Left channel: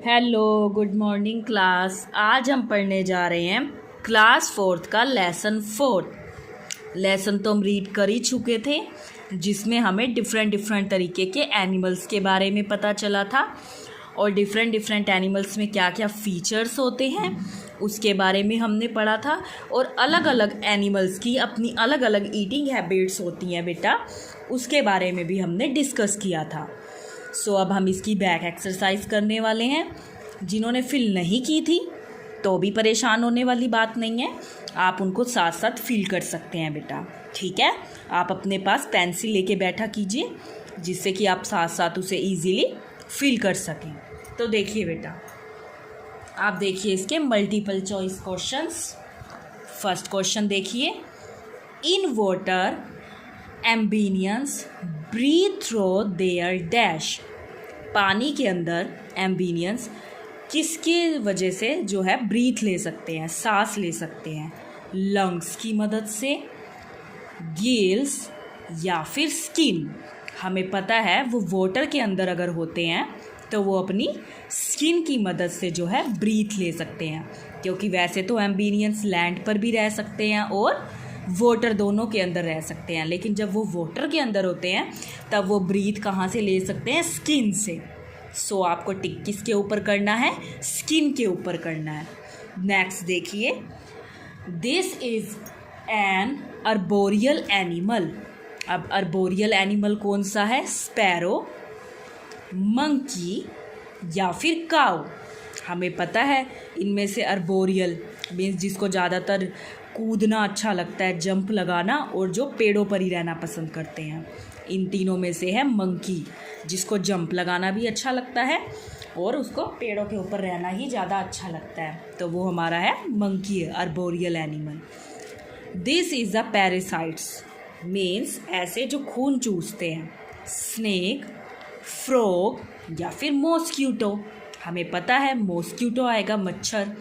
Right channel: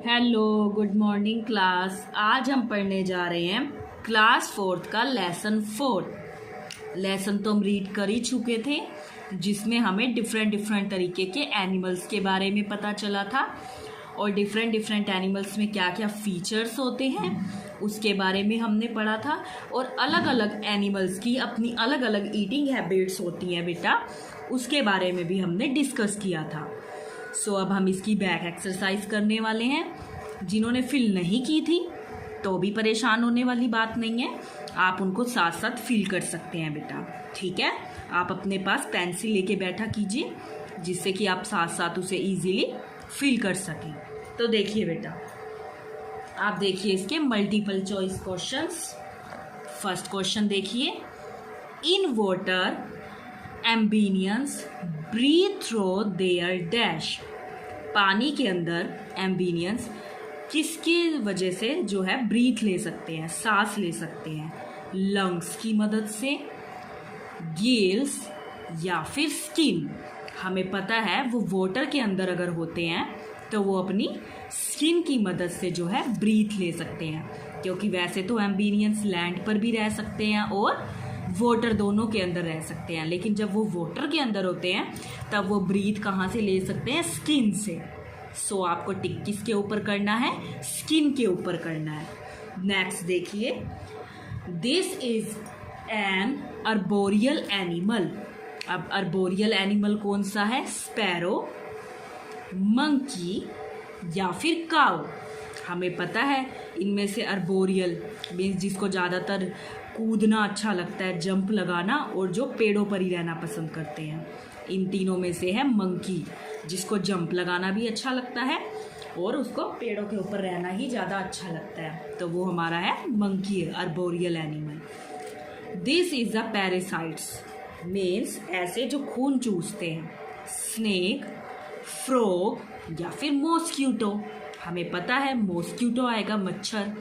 Hello, good morning class. आज हम पढ़ने जा रहे हैं क्लास 4th का लेसन 4। लेसन तो हम रीड कर ही चुके थे, जिसमें हमें डिफरेंट तरीके के एनिमल्स के बारे में पता चला था और डिफरेंट एनिमल्स में क्या क्या फीचर्स होते हैं उसके बारे में हमने पढ़ा था। और अलग अलग एनिमल्स की अपनी अलग अलग ईटिंग हैबिट्स होती हैं बेटा, उसके बारे में भी हमने डिस्कस किया था। सो अब हम इसकी बैक एक्सरसाइज करने वाले हैं। जिन्होंने फिल नहीं की थी तो भी परेशान होने वाली बात नहीं है, आप उनको साथ साथ फिल कर सकते हैं बेटा। ठीक है, आप अपने पास पेंसिल लेके बैठा कीजिए, जिससे कि आप साथ साथ उसे इजीली फिल कर सकें। तो देखिए बेटा, आप देखिए इसके multiple choice questions. First question देखिए, in water amphibians breathe through their dash. पानी के अंदर एम्बिनियंस किसके वजह से जो है ब्रीथ ले सकते हैं, सांस ले सकते हैं? लंग्स की मदद से, गिल्स या फिर स्किन। हमें पता है वो वाटर के अंदर अगर होते हैं तो वो अपनी स्किन की मदद से जो है ब्रीथ ले सकते हैं, क्योंकि वैसे तो एम्बिनियंस लैंड पर भी रह सकते हैं और वाटर दोनों के अंदर रह सकते हैं, लेकिन जब वो वाटर के अंदर होते हैं तब वो ब्रीथ कहाँ से ले सकते हैं? स्किन से। सो आपको टिक किसके ऊपर करना है? स्किन के ऊपर करना है। नेक्स्ट देखिए, this is an arboreal animal. अब अर्बोरियल एनिमल कौन सा है? स्पैरो, मंकी या फिर काऊ। हमें पता है इनमें से अर्बोरियल मीन्स जिसको ज़्यादातर कूदना अच्छा लगता है, जंप लगाना, और जो पेड़ों पर ही रहना पसंद करते हैं। इन तीनों में से है मंकी, जिसको जंप लगाना भी अच्छा लगता है और उसको पेड़ों के ऊपर रहना ही ज़्यादा अच्छा लगता है, तो वो हमारा है monkey, arboreal animal. This is the parasites means ऐसे जो खून चूसते हैं, स्नेक, फ्रॉग या फिर मॉस्क्यूटो। हमें पता है मॉस्क्यूटो आएगा, मच्छर,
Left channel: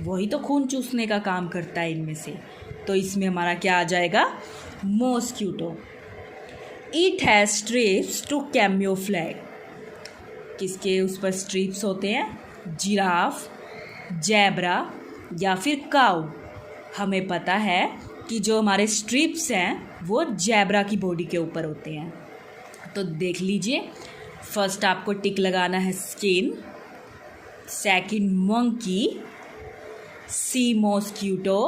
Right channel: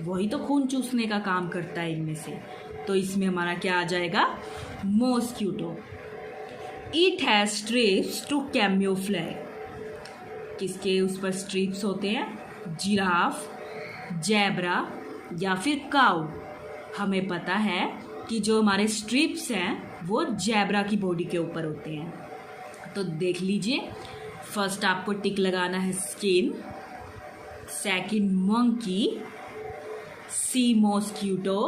वही तो खून चूसने का काम करता है इनमें से, तो इसमें हमारा क्या आ जाएगा? Mosquito. It has stripes to camouflage. किसके उस पर स्ट्रिप्स होते हैं? जिराफ, जैब्रा या फिर काऊ। हमें पता है कि जो हमारे स्ट्रिप्स हैं वो जैब्रा की बॉडी के ऊपर होते हैं। तो देख लीजिए, फर्स्ट आपको टिक लगाना है स्किन, सेकंड मंकी, सी मॉस्क्यूटो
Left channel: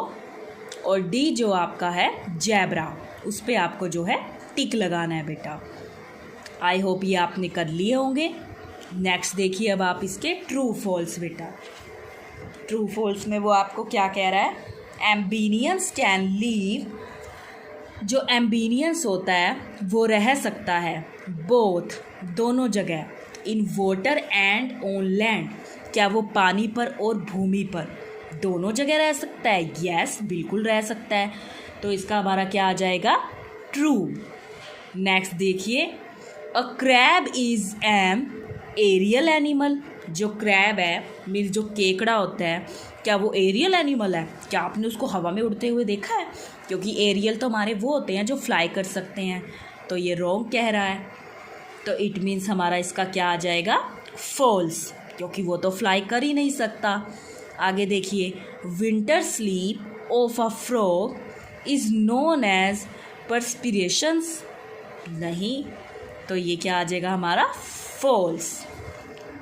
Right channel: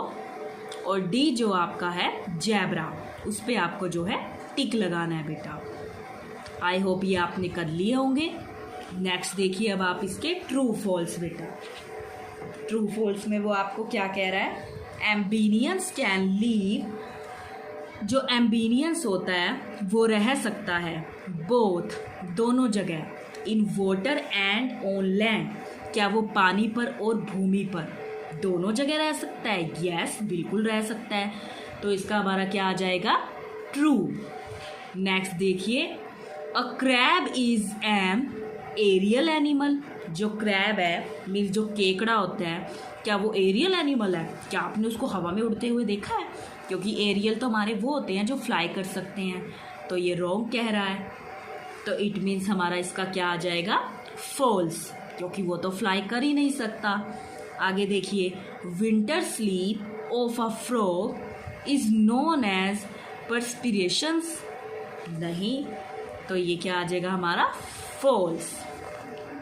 और डी जो आपका है जैब्रा, उस पर आपको जो है टिक लगाना है बेटा। आई होप ये आपने कर लिए होंगे। नेक्स्ट देखिए, अब आप इसके ट्रू फॉल्स बेटा। ट्रू फॉल्स में वो आपको क्या कह रहा है? एम्बिनियंस कैन लीव। जो एम्बिनियंस होता है वो रह सकता है बोथ, दोनों जगह, in water and on land. क्या वो पानी पर और भूमि पर दोनों जगह रह सकता है? यस, बिल्कुल रह सकता है। तो इसका हमारा क्या आ जाएगा? ट्रू। नेक्स्ट देखिए, a crab is an aerial animal. जो क्रैब है मीन्स जो केकड़ा होता है, क्या वो एरियल एनिमल है? क्या आपने उसको हवा में उड़ते हुए देखा है? क्योंकि एरियल तो हमारे वो होते हैं जो फ्लाई कर सकते हैं, तो ये रॉन्ग कह रहा है। तो इट मीन्स हमारा इसका क्या आ जाएगा? फॉल्स, क्योंकि वो तो फ्लाई कर ही नहीं सकता। आगे देखिए, winter sleep of a frog is known as perspirations. नहीं, तो ये क्या आ जाएगा हमारा? False.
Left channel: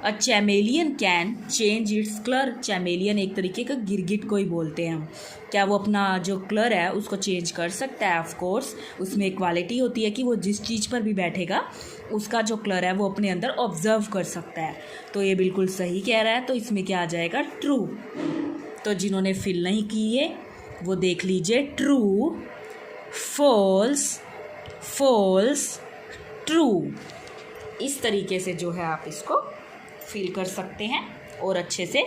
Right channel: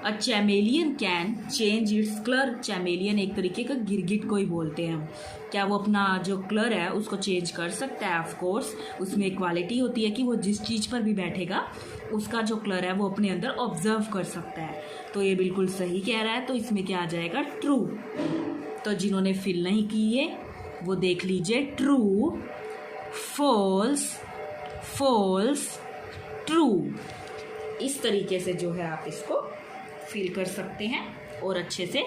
A chameleon can change its colour. Chameleon एक तरीके का गिरगिट को ही बोलते हैं हम। क्या वो अपना जो कलर है उसको चेंज कर सकता है? ऑफ कोर्स, उसमें एक क्वालिटी होती है कि वो जिस चीज़ पर भी बैठेगा उसका जो कलर है वो अपने अंदर ऑब्जर्व कर सकता है। तो ये बिल्कुल सही कह रहा है, तो इसमें क्या आ जाएगा? ट्रू। तो जिन्होंने फिल नहीं किए वो देख लीजिए, ट्रू, फॉल्स, फॉल्स, ट्रू। इस तरीके से जो है आप इसको फिल कर सकते हैं और अच्छे से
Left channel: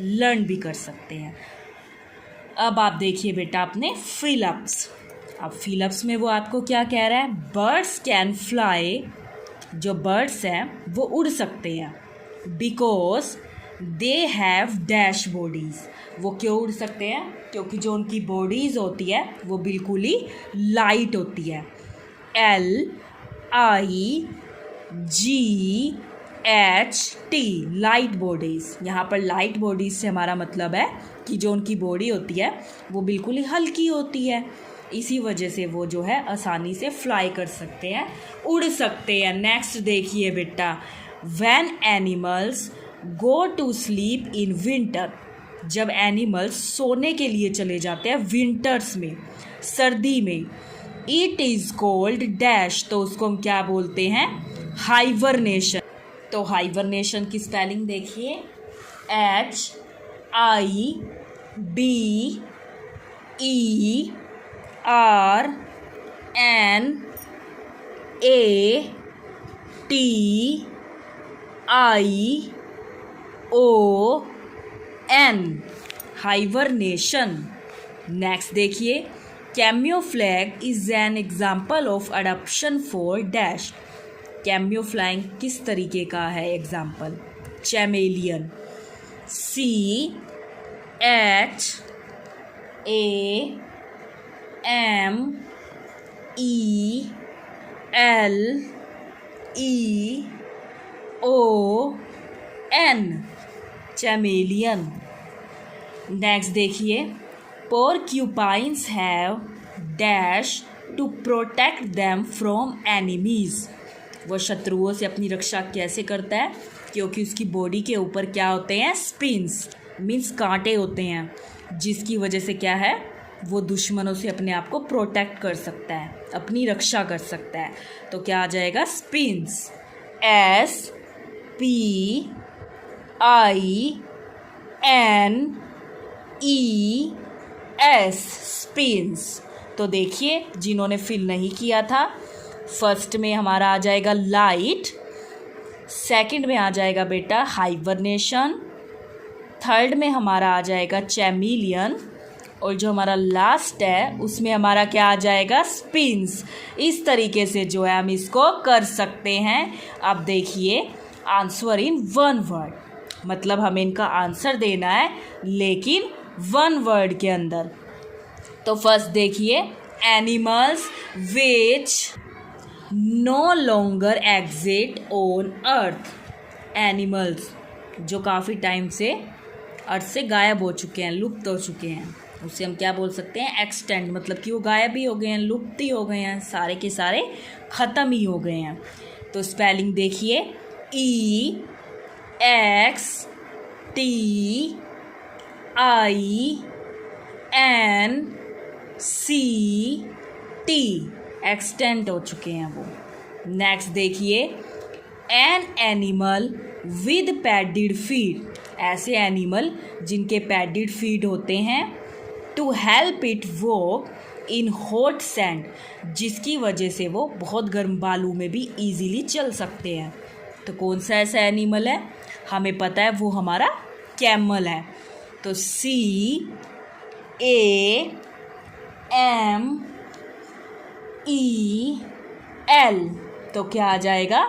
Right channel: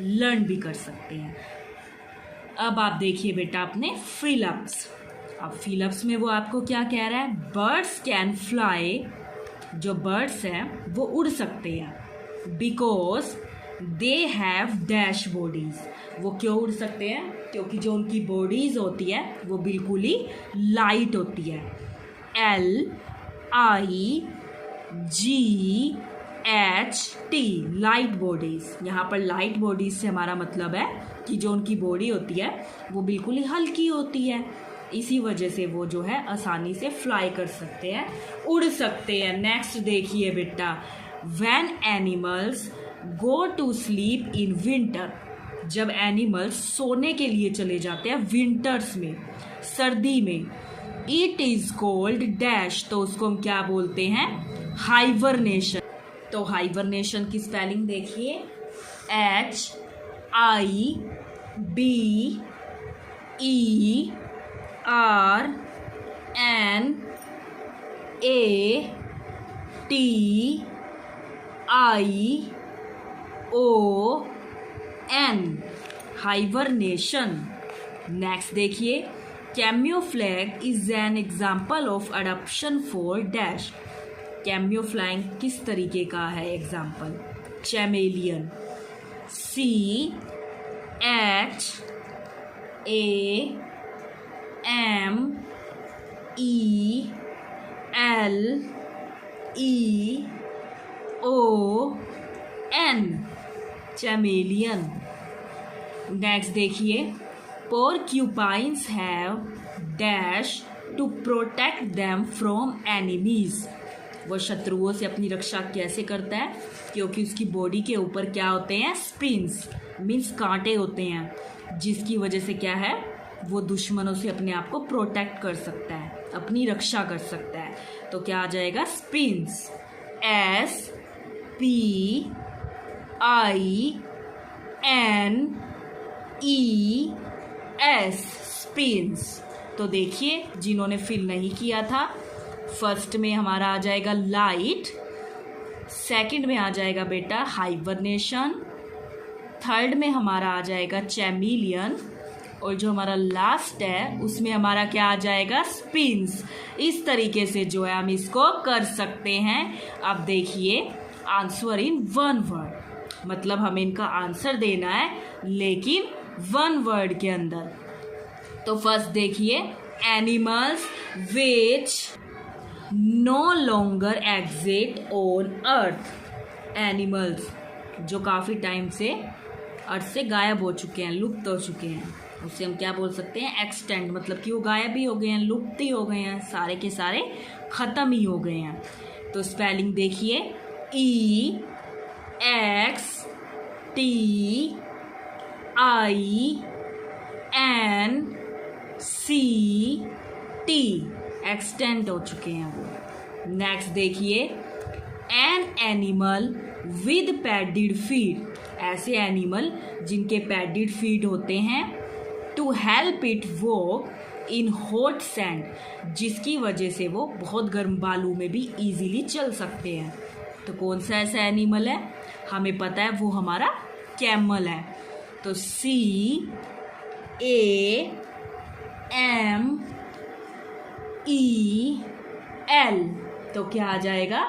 लर्न भी कर सकते हैं। अब आप देखिए बेटा अपने फिलअप्स। अब फिलअप्स में वो आपको क्या कह रहा है? Birds can fly. जो बर्ड्स हैं वो उड़ सकते हैं, because they have dash bodies. वो क्यों उड़ सकते हैं? क्योंकि जो उनकी बॉडीज़ होती है वो बिल्कुल ही लाइट होती है। LIGHT HT light bodies. यहाँ पर लाइट बॉडीज से हमारा मतलब है कि जो उनकी बॉडी होती है वो बिल्कुल ही हल्की होती है, इसी वजह से वो जो है आसानी से फ्लाई कर सकते हैं, उड़ सकते हैं। नेक्स्ट देखिए बेटा, when animals go to sleep in winter, जब एनिमल्स सोने के लिए चले जाते हैं विंटर्स में, सर्दी में, इट इज़ कॉल्ड डैश, तो उसको हम क्या बोलते हैं, हाइबरनेशन। तो हाइबरनेशन की स्पेलिंग देखिए, HIBERNATION, हाइबरनेशन। नेक्स्ट देखिए, camouflage is an example of adoption for dash, camouflage किस तरीके का है एग्जाम्पल, चैमेलियन। CHAMELEON, chameleon. नेक्स्ट देखिए, porcupines have dash to protect them from enemies, वो शत्रुओं से अपनी रक्षा कैसे करता है, क्योंकि उसकी बॉडी के ऊपर क्या होते हैं, स्पिन्स मीन्स कांटे होते हैं, जिसकी वजह से क्या है, वो दुश्मनों से अपने आप को प्रोटेक्ट कर सकता है, अपनी रक्षा कर सकता है। तो क्या आ जाएगा, स्पिन्स, SPINES, स्पिन्स। तो देखिए, जिन्होंने फिल नहीं किया था, फर्स्ट में हमारा आ जाएगा लाइट, सेकंड में आ जाएगा बेटा हाइबरनेशन, थर्ड में हमारा आ जाएगा चैमेलियन, और जो हमारा लास्ट है उसमें हमारा क्या आ जाएगा, स्पिन्स। इस तरीके से जो है हम इसको कर सकते हैं। अब देखिए, आंसर इन वन वर्ड, मतलब हमें इनका आंसर देना है लेकिन वन वर्ड के अंदर। तो फर्स्ट देखिए, animals which no longer exist on earth, animals जो काफ़ी टाइम से अर्थ से गायब हो चुके हैं, लुप्त हो चुके हैं, उसे हम क्या बोल सकते हैं, एक्सटेंड, मतलब कि वो गायब ही हो गए हैं, लुप्त ही हो गए हैं, सारे के सारे ख़त्म ही हो गए हैं। तो स्पेलिंग देखिए, EXTINCT, एक्सटेंट हो चुके हैं वो। नेक्स्ट देखिए, an animal with padded feet, ऐसे एनिमल जिनके पैडिड फीट होते हैं, to help it walk in hot sand, जिसकी वजह से वो बहुत गर्म बालू में भी इजीली चल सकते हैं। तो कौन सा ऐसा एनिमल है, हमें पता है वो हमारा कैमल है। तो CAMEL, तो क्या आ जाएगा,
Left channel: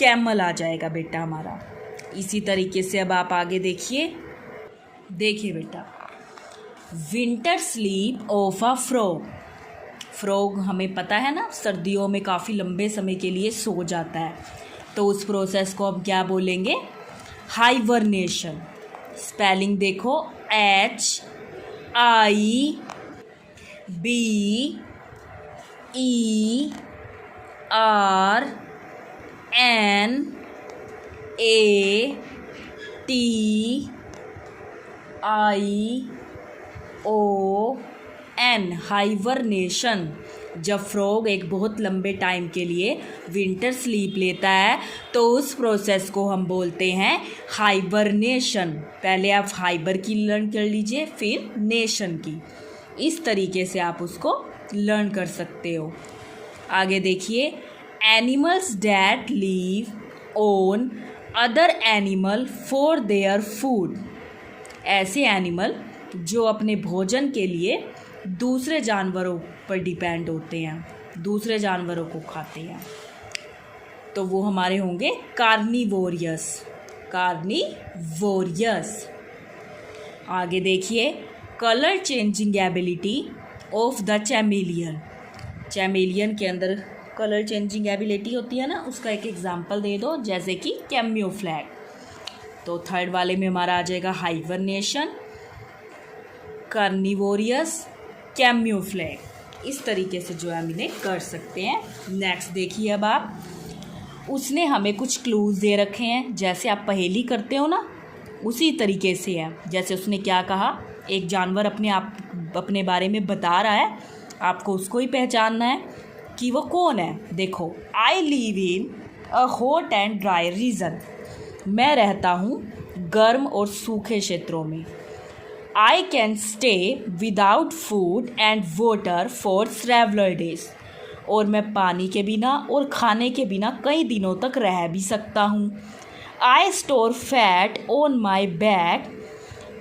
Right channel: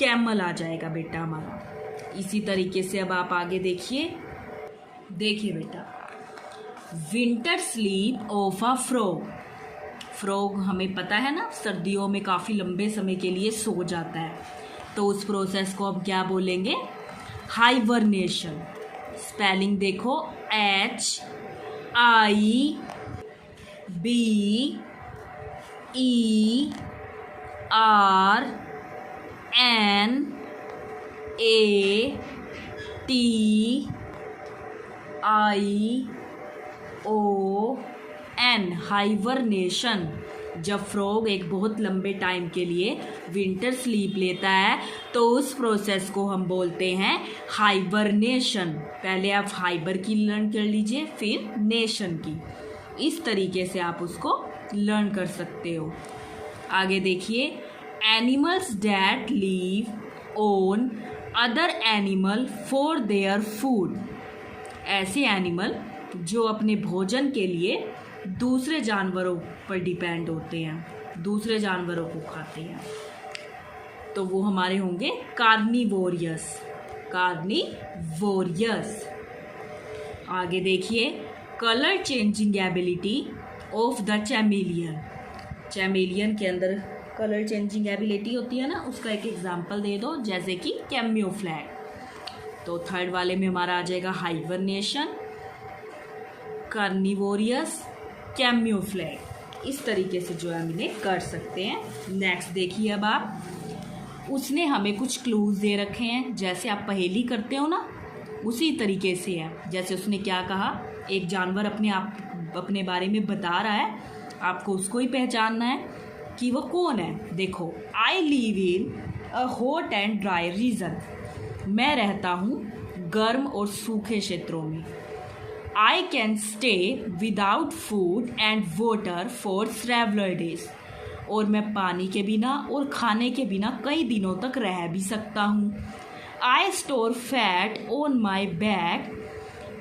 कैमल आ जाएगा बेटा हमारा। इसी तरीके से अब आप आगे देखिए बेटा, winter sleep of a frog, frog हमें पता है ना, सर्दियों में काफ़ी लंबे समय के लिए सो जाता है, तो उस प्रोसेस को हम क्या बोलेंगे, हाइबरनेशन। स्पेलिंग देखो, HIBERNATION, हाइबरनेशन। जब फ्रॉग एक बहुत लंबे टाइम के लिए विंटर स्लीप लेता है तो उस प्रोसेस को हम बोलते हैं हाइबरनेशन। पहले आप हाइबर की लर्न कर लीजिए, फिर नेशन की, इस तरीके से आप उसको लर्न कर सकते हो। आगे देखिए, animals that leave on other animal for their food, ऐसे एनिमल जो अपने भोजन के लिए दूसरे जानवरों पर डिपेंड होते हैं, दूसरे जानवरों को खाते हैं, तो वो हमारे होंगे कार्निवोरियस। आगे देखिए, colour changing ability of the chameleon, chameleon के अंदर कलर चेंजिंग एबिलिटी होती है ना, उसका एक एग्जांपल दे दो, जैसे कि कैम्यूफ्लैग। तो थर्ड वाले में हमारा आ जाएगा हाइबरनेशन, कार्निवोरियस, कैम्यूफ्लैग। इस तरीके से जो है हम इन्हें कर सकते हैं। नेक्स्ट देखिए अब आप, उसने हमें कुछ क्लूज दे रखे हैं, जैसे आप पहेली करते हो ना, उसी तरीके से है। जैसे उसने क्या कहा, एक जानवर अपने बारे में बता रहा है, आपको उसको ही पहचानना है कि वो कौन है। देखो, आई live in a hot and dry region, मैं रहता हूँ गर्म और सूखे क्षेत्रों में। I can stay without food and water for several days, और मैं पानी के बिना और खाने के बिना कई दिनों तक रह भी सकता हूँ। I store fat on my back,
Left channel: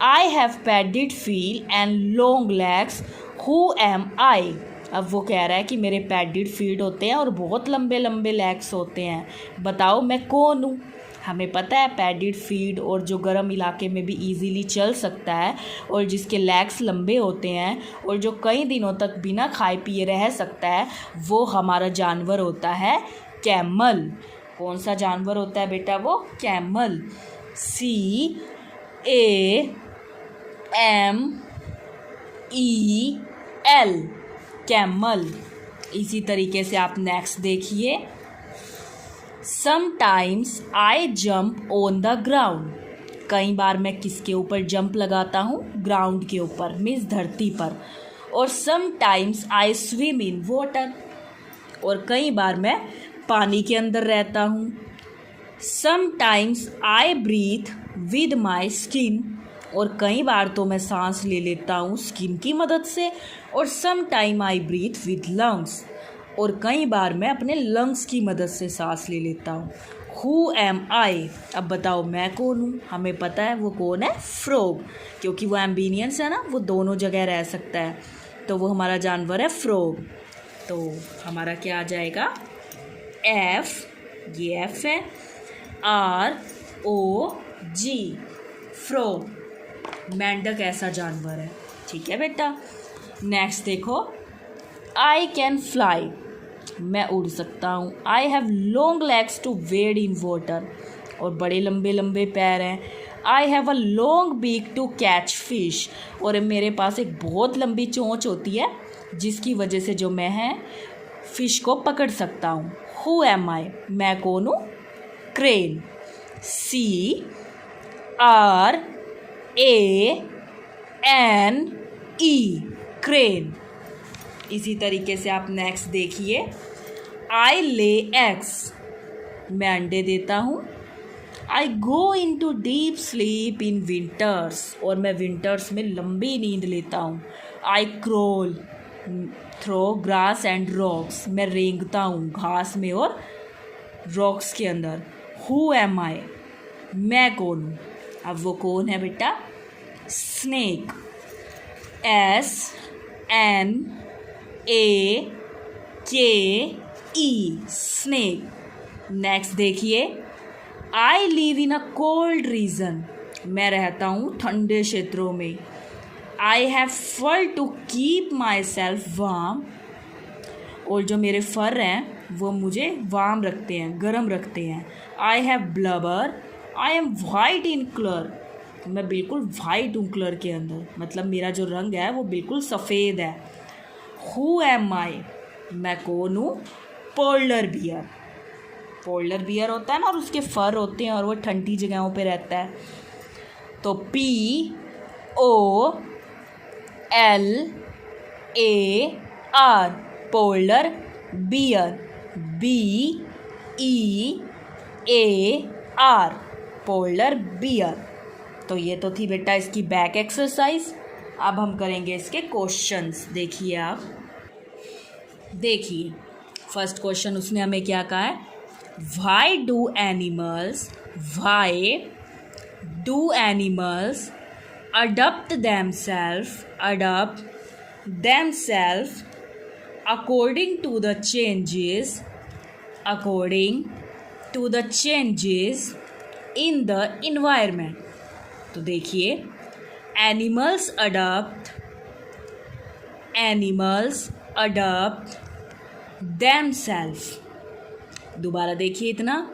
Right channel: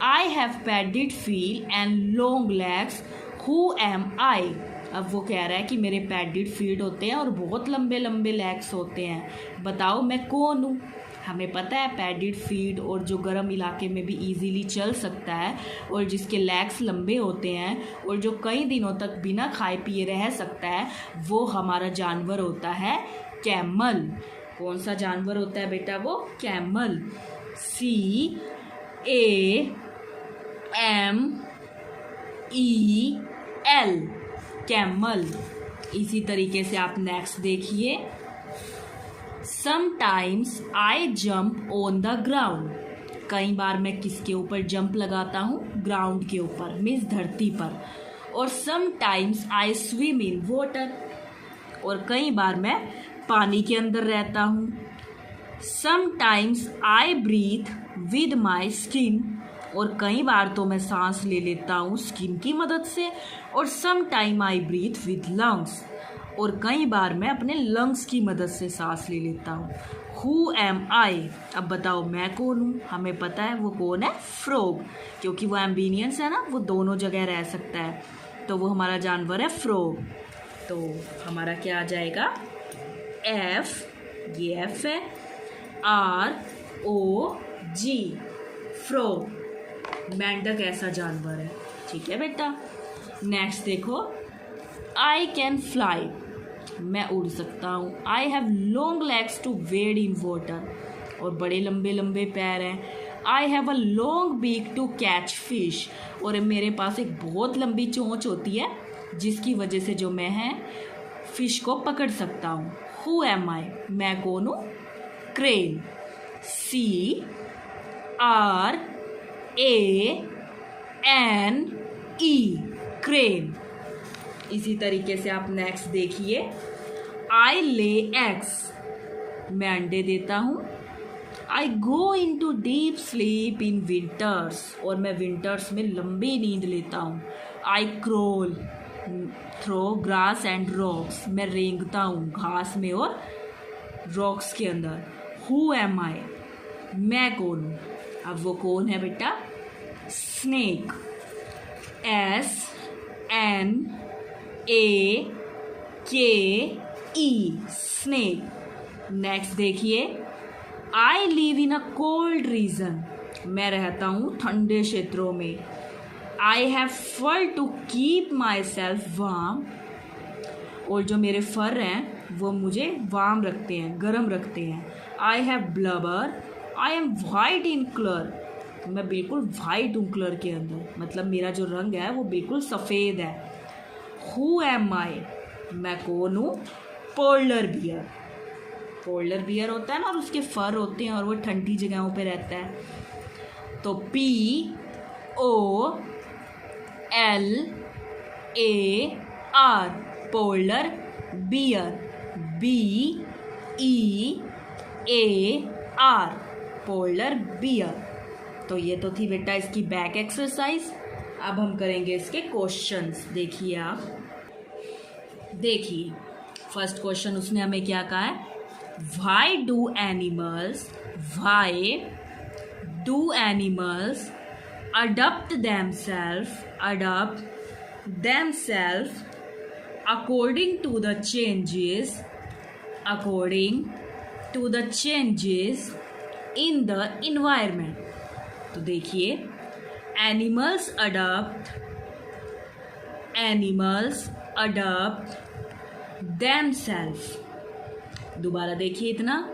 I have padded feet and long legs, who am I. अब वो कह रहा है कि मेरे पैडेड फीट होते हैं और बहुत लंबे लंबे लेग्स होते हैं, बताओ मैं कौन हूँ। हमें पता है पैडेड फीट और जो गर्म इलाके में भी इजीली चल सकता है और जिसके लेग्स लंबे होते हैं और जो कई दिनों तक बिना खाए पिए रह सकता है, वो हमारा जानवर होता है कैमल। कौन सा जानवर होता है बेटा वो? कैमल। CAMEL, camel. इसी तरीके से आप नेक्स्ट देखिए, sometimes I jump on the ground, कई बार मैं किसके ऊपर जंप लगाता हूँ? ग्राउंड के ऊपर, मीन्स धरती पर। और sometimes I swim in water, और कई बार मैं पानी के अंदर रहता हूँ। Sometimes I breathe with my skin, और कई बार तो मैं सांस ले लेता हूँ स्किन की मदद से। और sometime I breathe with lungs, और कई बार मैं अपने लंग्स की मदद से सांस ले लेता हूँ। हु एम आई, अब बताओ मैं कौन हूँ? हमें पता है वो कौन है? फ्रॉग, क्योंकि वो एम्बिनियंस है ना, वो दोनों जगह रह सकता है, तो वो हमारा जानवर है फ्रॉग। तो हमारा क्या आ जाएगा? F, ये F है, ROG, फ्रॉग, मेंढक ऐसा जानवर है। ठीक है बेटा। नेक्स्ट देखो, आई कैन फ्लाई, मैं उड़ सकता हूँ। I have long legs to wade in water, और बड़े लंबे लंबे पैर हैं। I have a long beak to catch fish, और मेरे पास एक बहुत लंबी चोंच होती है जिसकी वजह से जो मैं है फिश को पकड़ सकता हूँ। हु एम आई, मैं कौन हूँ? क्रेन। CRANE, crane. इसी तरीके से आप नेक्स्ट देखिए, आई ले एग्स, मैं अंडे देता हूँ। I go in to deep sleep in winters, और मैं विंटर्स में लंबी नींद लेता हूँ। I crawl through grass and rocks, मैं रेंगता हूँ घास में और रॉक्स के अंदर। हु एम आई, मैं कौन हूँ? अब वो कौन है बेटा? स्नेक। SNAKE, snake. नेक्स्ट देखिए, I live in a cold region, मैं रहता हूँ ठंडे क्षेत्रों में। I have fur to keep myself warm, और जो मेरे फर हैं वो मुझे वार्म रखते हैं, गर्म रखते हैं। I have blubber, I am white in colour, मैं बिल्कुल वाइट हूँ कलर के अंदर, मतलब मेरा जो रंग है वो बिल्कुल सफ़ेद है। हु एम आई, मैं कौन हूँ? Polar bear. पोलर बियर होता है ना, और उसके फर होते हैं और वो ठंडी जगहों पे रहता है। तो POLAR, polar bear. BEAR, polar bear. तो ये तो थी बेटा इसकी बैक एक्सरसाइज। अब हम करेंगे इसके क्वेश्चंस। देखिए आप, देखिए फर्स्ट क्वेश्चन उसने हमें क्या कहा है? Y do animals adopt themselves according to the changes in the environment। तो देखिए, एनिमल्स अडॉप्ट themselves। दोबारा देखिए इतना,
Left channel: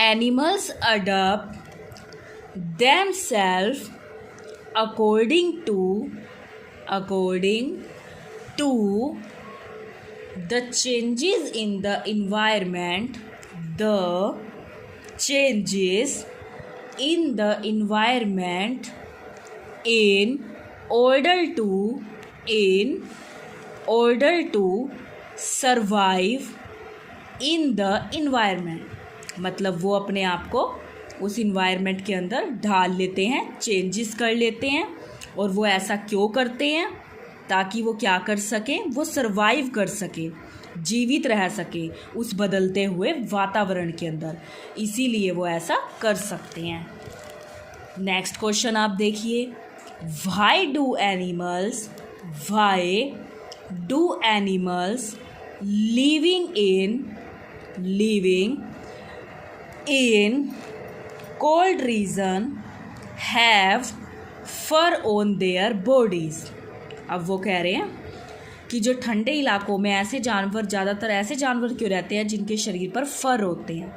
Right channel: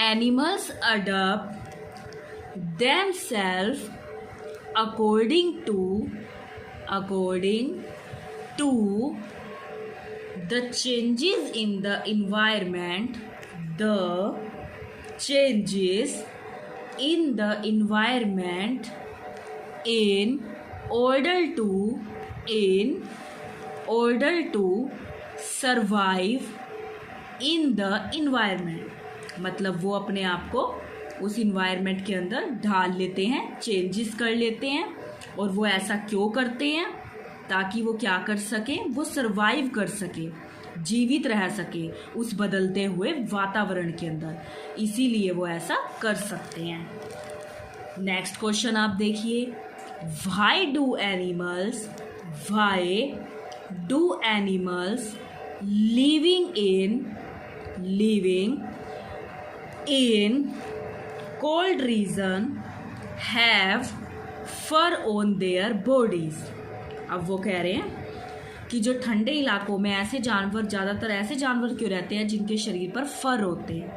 animals adopt themselves according to the changes in the environment, in order to survive in the environment। मतलब वो अपने आप को उस इन्वायरमेंट के अंदर ढाल लेते हैं, चेंजेस कर लेते हैं। और वो ऐसा क्यों करते हैं? ताकि वो क्या कर सकें, वो सरवाइव कर सके, जीवित रह सके उस बदलते हुए वातावरण के अंदर, इसीलिए वो ऐसा कर सकते हैं। नेक्स्ट क्वेश्चन आप देखिए, why do animals living in cold region have fur on their bodies. अब वो कह रहे हैं कि जो ठंडे इलाकों में ज़्यादातर ऐसे जानवर क्यों रहते हैं जिनके शरीर पर फर होते हैं,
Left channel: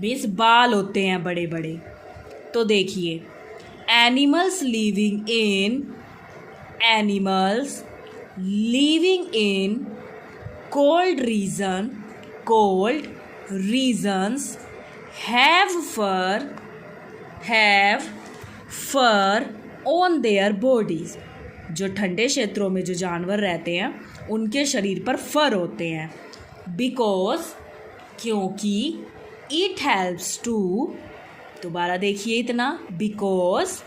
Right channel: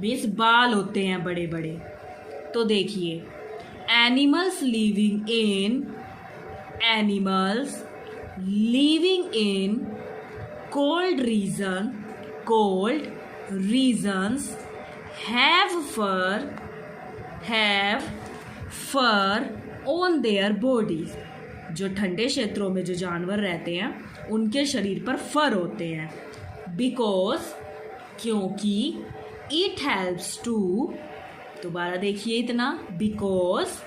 बेस बाल होते हैं बड़े बड़े। तो देखिए, animals living in cold regions have fur on their bodies. जो ठंडे क्षेत्रों में जो जानवर रहते हैं उनके शरीर पर फर होते हैं, क्योंकि इट हेल्प्स टू, दोबारा देखिए इतना, because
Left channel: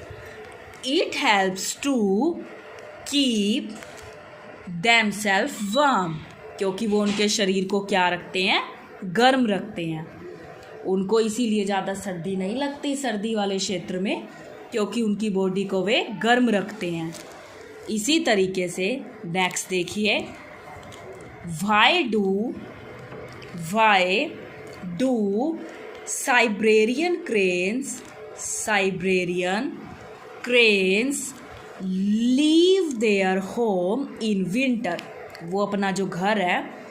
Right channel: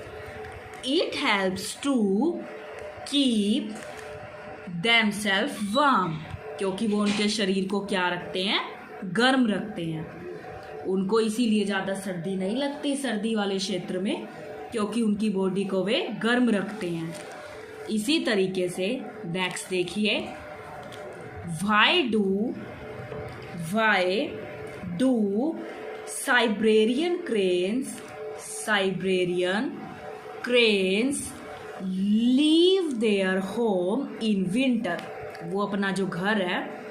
it helps to keep themselves warm. क्योंकि वो उनके शरीर को क्या रखते हैं, गर्म रखते हैं। उनको इसीलिए ज़्यादा सर्दी नहीं लगती सर्दी वाले क्षेत्र में, क्योंकि उनकी बॉडी को वे गर्म रखते हैं। इसी तरीके से नेक्स्ट देखिए, why do Siberian cranes leave their home in winter. वो अपना जो घर है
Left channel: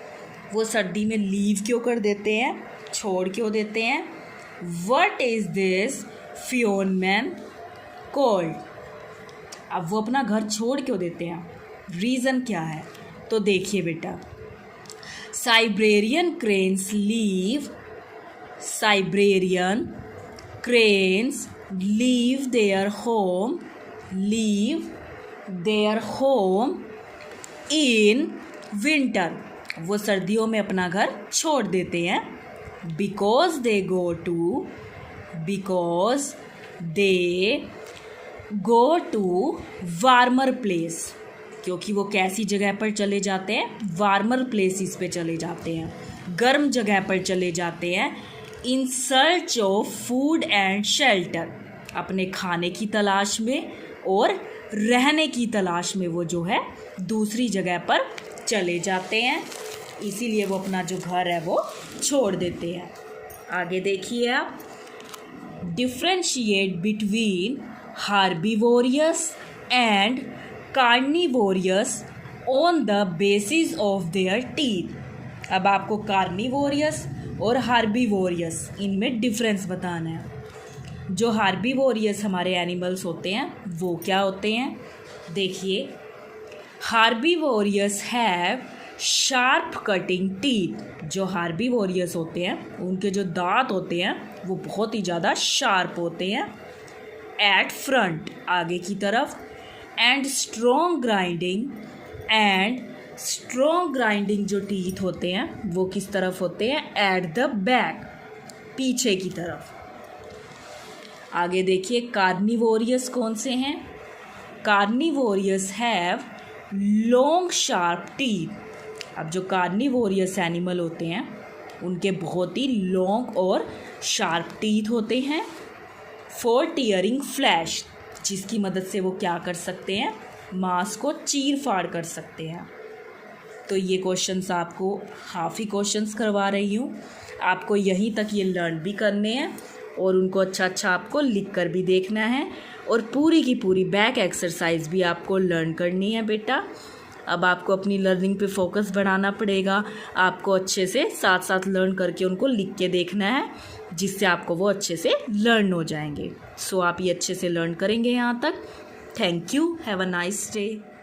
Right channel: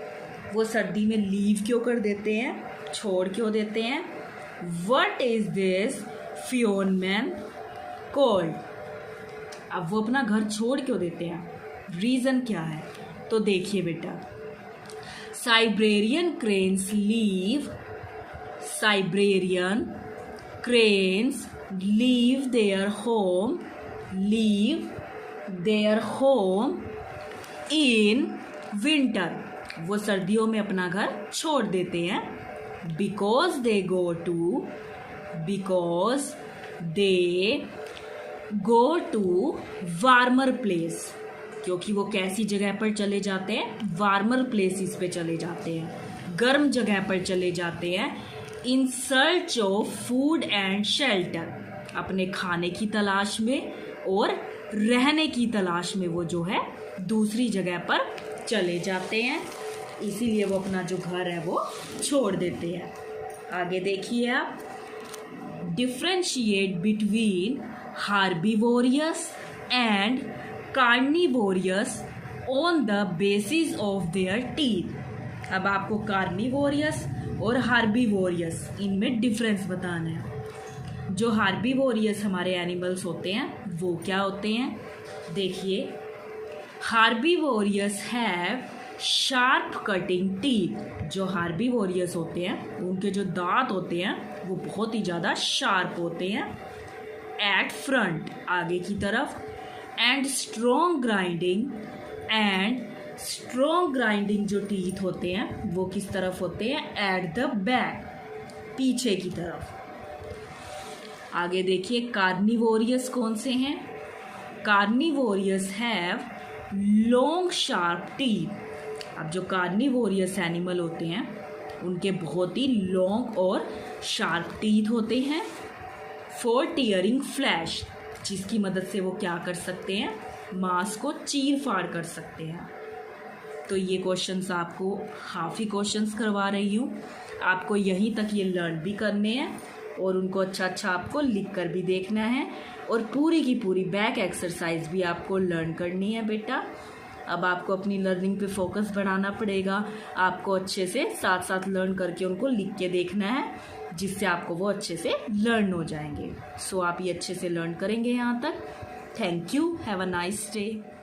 वो सर्दी में लीव क्यों कर देते हैं, छोड़ क्यों देते हैं? What is this phenomenon called. अब वो अपना घर छोड़ क्यों देते हैं, रीज़न क्या है? तो देखिए बेटा, Siberian cranes leave their home in winter. वो सर्दियों में अपना घर छोड़ देते हैं, because they go to warmer place. क्योंकि वो कैसी जगह पर चले जाते हैं, वार्मर प्लेसेस पे चले जाते हैं, गर्म जगह पर चले जाते हैं। In search of food and shelter, अपने खाने की तलाश में और रहने की तलाश में वो जो है दूसरी जगह पर चले जाते हैं। इसीलिए वो अपना जो घर है वो छोड़ देते हैं। आगे देखिए आप, differentiate between herbivorous and carnivorous on the basis of their teeth. अब आपको कार्निवोरियस और हार्बिवोरियस इनमें डिफरेंस बताना है। जो हार्बिवोरियस हमारे एनिमल्स होते हैं वो क्या होते हैं, देखिए, हार्बिवोरियस हैव शार्प कटिंग टीथ। जो हार्बिवोरियस होते हैं उनके जो दांत होते हैं वो बहुत ही ज़्यादा शार्प होते हैं। एट फ्रंट, आगे की तरफ, एंड स्ट्रॉन्ग ग्राइंडिंग जो टीथ होते हैं वो किस तरफ होते हैं, एट द बैक, पीछे की तरफ। आगे देखिए, कार्निवोरियस कौन से हैं? Carnivorous have long sharp teeth. अब जो कार्निवोरियस एनिमल होते हैं उनके बहुत ही लॉन्ग और शार्प टीथ होते हैं। फॉर टीयरिंग फ्लैश, जिसकी मदद से वो क्या कर सकते हैं, मांस को चीर फाड़ कर सकते हैं। तो ये क्वेश्चंस आपको हाफ ही क्वेश्चंस करवा रही हूँ, आपको यहीं तक ये लर्न भी करने हैं और उनको अच्छा आपको लिख कर भी देखना है और पूरी की पूरी बैक एक्सरसाइज भी आपको लर्न करनी है बेटा। अब आपको अपनी लर्निंग पे फोकस बढ़ाना पड़ेगा। आपको अच्छे से साथ साथ लर्न करके उनको लिख के देखना है, जिससे आपको वो अच्छे से लर्न हो जाएंगे। सो आप ये अच्छे से लर्न करेंगे यहाँ तक। Thank you, have a nice day.